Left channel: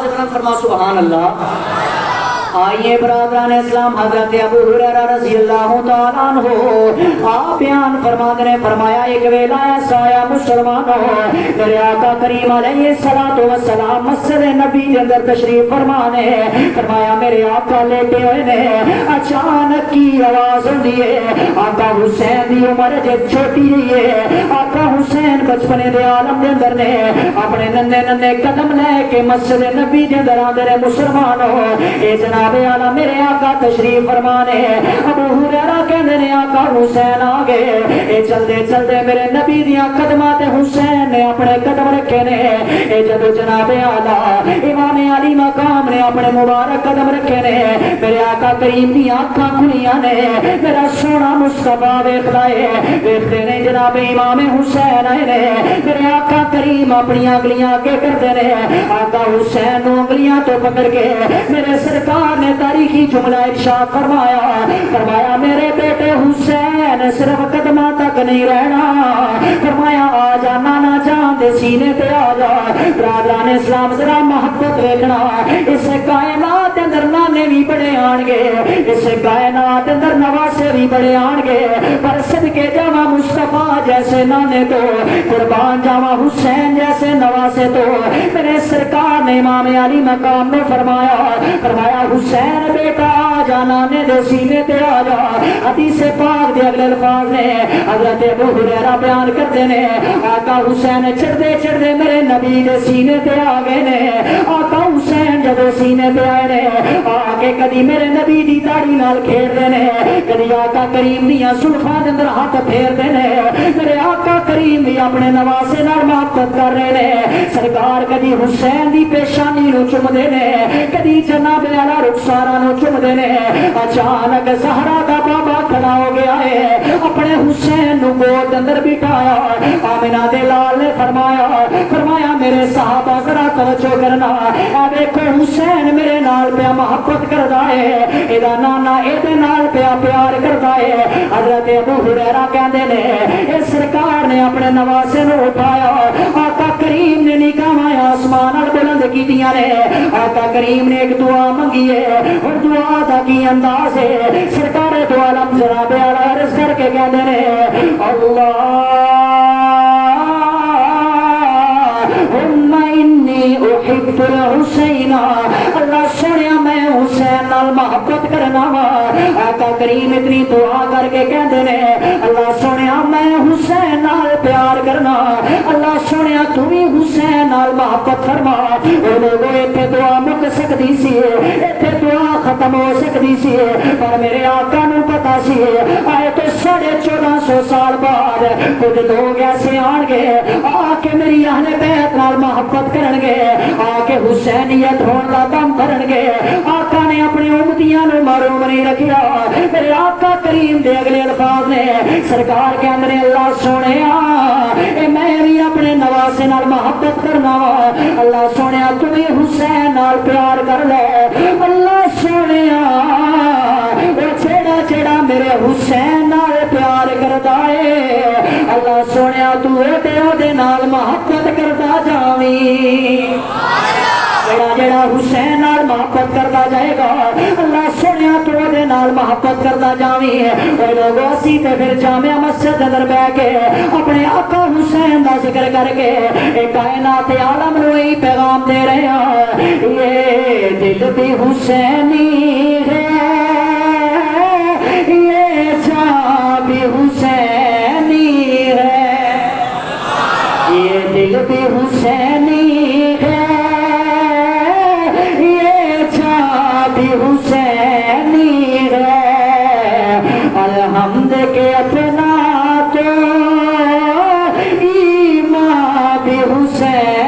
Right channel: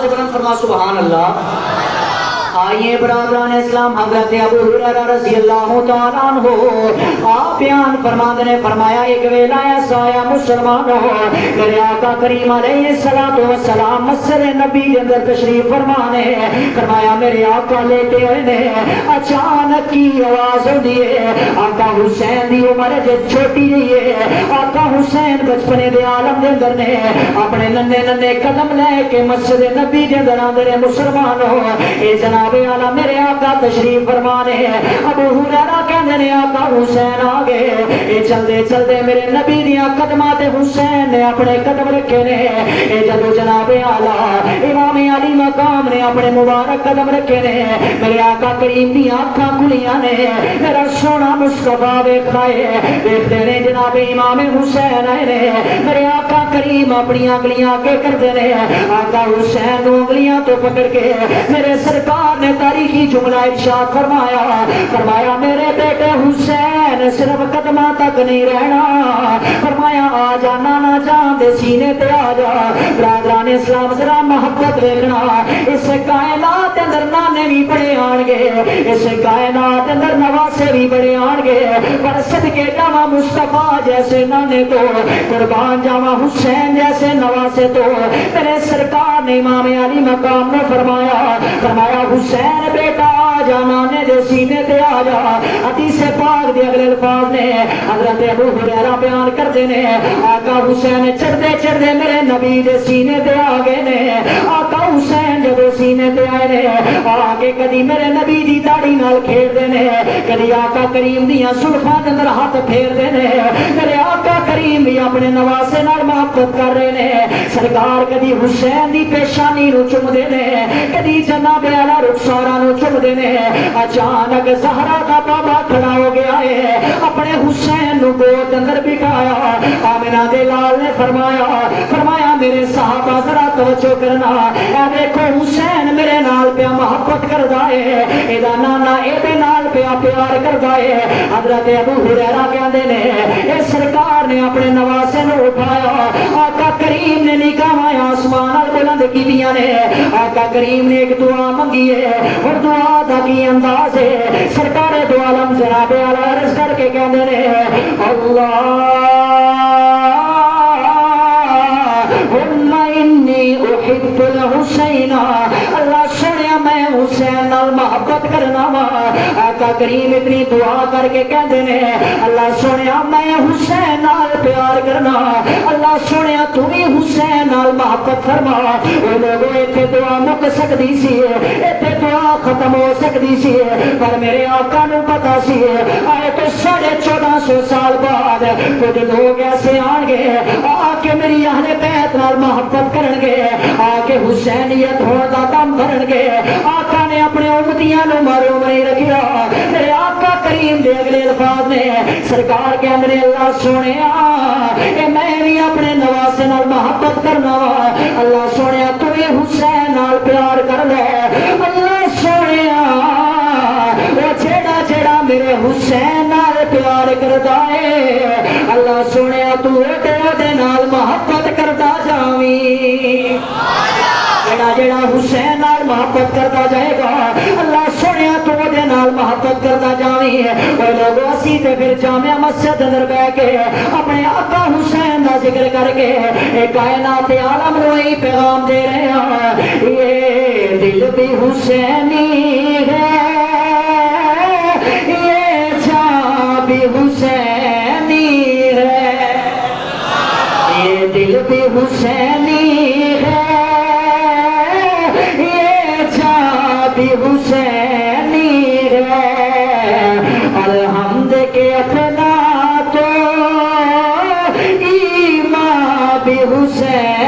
آواز بلند فرما سبحان اللہ۔ آئیے برادران اسلام، حضرت ابو ہریرہ رضی اللہ تعالیٰ عنہ آپ بیان فرماتے نے فرمایا ایک ویلا ایسا آیا مسلمانوں، میرے آقا کریم علیہ السلام مسجد نبی کے اندر تشریف فرمانے، فرمایا میرے آقا لیٹے ہوئے نے، اچانک کی آواز ہوتی ہے، آقا حسین دی عمر جب چھوٹی رہی ہے، آقا حسین بچپنے دے عالم دے اندر نے اپنے ننے ننے قدم لے کے مسجد نبی کے اندر آندے مسلمانوں، اے جناب آلہ میرے آقا تشریف فرمانے، ابو ہریرہ کہندے نے آقا حسین آگے، اے چلدے چلدے میرے نبی دیاں قدمات حسین نے اپنے قدم رکھے نے، اے جدو جناب آلہ امام علی مقام نے اپنے مبارک قدم رکھے نے، میرے آقا کریم دیاں آنکھاں کھلیاں نے، میرا سونا مصطفیٰ ویکھدا ہے، ویکھدے نے جناب امام حسین آئے نے، میرے آقا کریم اپنی انگلیاں کے کردے نے، آقا حسین نو انگلیاں تو پکڑ کے میرے سرکار نے تاریخی جملہ ارشاد فرمایا، فرمایا میرے بیٹے حسین صرف قدمہ تک نہیں رہنا، فرمایا آ جانا نہ جان دے سینے تے آ جا۔ برادران اسلام ذرا محبت دیکھنا، اس کائنات اندر نانے بھی بڑے آن گے، اس کائنات اندر نواسے بھی بڑے آن گے، پر صدقے جاواں مصطفیٰ جیسے نانے تو، قربان جاواں حسین جیسے نواسے تو، میرے سرکار نے امام علی مقام میں فرمایا، فرمایا حسین بیٹا آ جا نانے دے سینے تے آ جا۔ حدیث پاک دے اگلے الفاظ نے حضرت ابو ہریرہ بیان کرتے نے، آقا حسین چڑھدے چڑھدے میرے نبی دے سینے تے آ گئے نے، آقا حسین جب سینے تے آئے نے، آگے کدی میرے نبی دی داڑھی نال کھیڑ دے نے، کدی آقا کریم دیاں زلفاں دے اندر ہاتھ پھیر دے نے، میرے آقا کریم بھی اپنے نواسے نال محبت کر رہے نے، سرکار کدی حسین دی پیشانی نو چوم دے نے، کدی جناب اعلی رخسارا نو چوم دے نے۔ اچانک زہرا کا بابا کھڑا ہو گیا ہے، اپنے حسین نو گود اندر بٹھایا، آمنہ دے لال نے فرمایا، فرمایا میرے صحابہ ذرا توجہ کرنا، اے دیکھو حسین میرے نال پیا محبت کردا ہے، ایدا نانا ایدے نال پیا پیار کردا ہے۔ حضرت ابو ہریرہ کہندے نے اے سرکار نے اپنے نواسے نو اٹھایا، آقا کریم نے نگاہاں آسمان بلند کیتیاں نے، آقا کریم نے ایک دعا منگی ہے، اور دعا دا کی انداز ہے، سرکار دو عالم جناب اعلی عرض کر کے کہندے نے اللہم انی احب الحسین، اللہ سنیا میں حسین نال محبت کرنا وا۔ آقا کریم اتنی دعا کر کے کہندے نے اللہ سنیا میں حسین نال پیار کرنا، اللہ سنیا تو بھی حسین نال محبت فرما۔ اے لوگوں ایتھے دعا مک سکدی سی، ایتھے دعا ختم ہو سکدی سی، پر میرے آقا نو پتا سی آئے تو 1450 سال بعد کچھ لوگ ایسے آن گے آ کے میری اہل بیت نال محبت کرن گے، آ کے حسینیت ہون دا کم کرن گے۔ آقا نے اپنے امتیاں نو محروم نہیں رکھیا، میرے آقا کریم دے اگلے الفاظ نے سرکار کے اندر اللہ سونیا اے میں بھی اپنے نواسے نال محبت کرنا وا، اللہ سونیا تو بھی حسین نال پیار کر لے، اللہ سونیا او جیڑا جیڑا میرے حسین نال پیار کردا ہے، اللہ سونیا تو دے نال محبت کردا جاویں، جیڑا جیڑا حسین نال محبت کردا جائے گا اللہ سونیا تو دے نال محبت کردا جاویں۔ اے لوگوں اسی تے پھر جامع مسجد اندر بیٹھ کے اپنے آقا حسین دا ذکر کر کے اے کائنات عالم نو ہی پیغام دے رہے ہیں، یہ دل بھی حسینی ہے، یہ جان بھی حسینی ہے، یہ دل بھی حسینی ہے، یہ جان بھی حسینی ہے، الحمد کے اپنا تو ایمان بھی حسین